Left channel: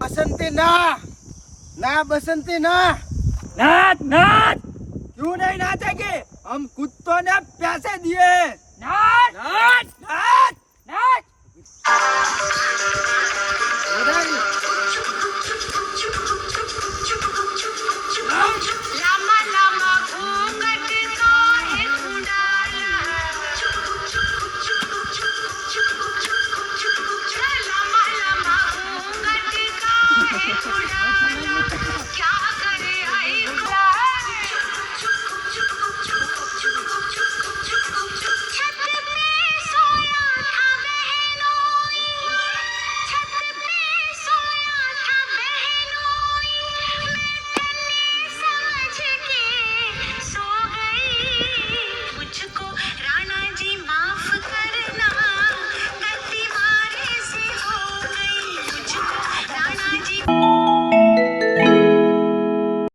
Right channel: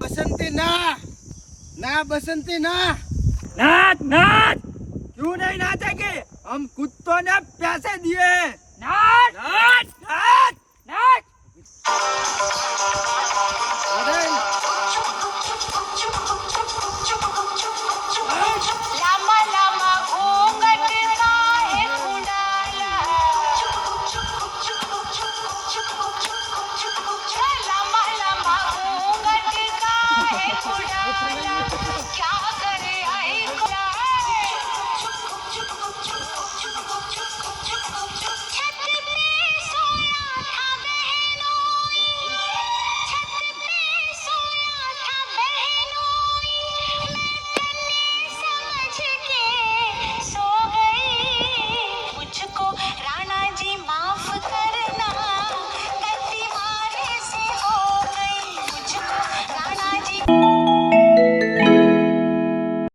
बसंती ना बसंती ना नाच नाच क्यों नहीं नाचेगी? हम कुत्तों ने पैसे दिए। नाच नाच नाच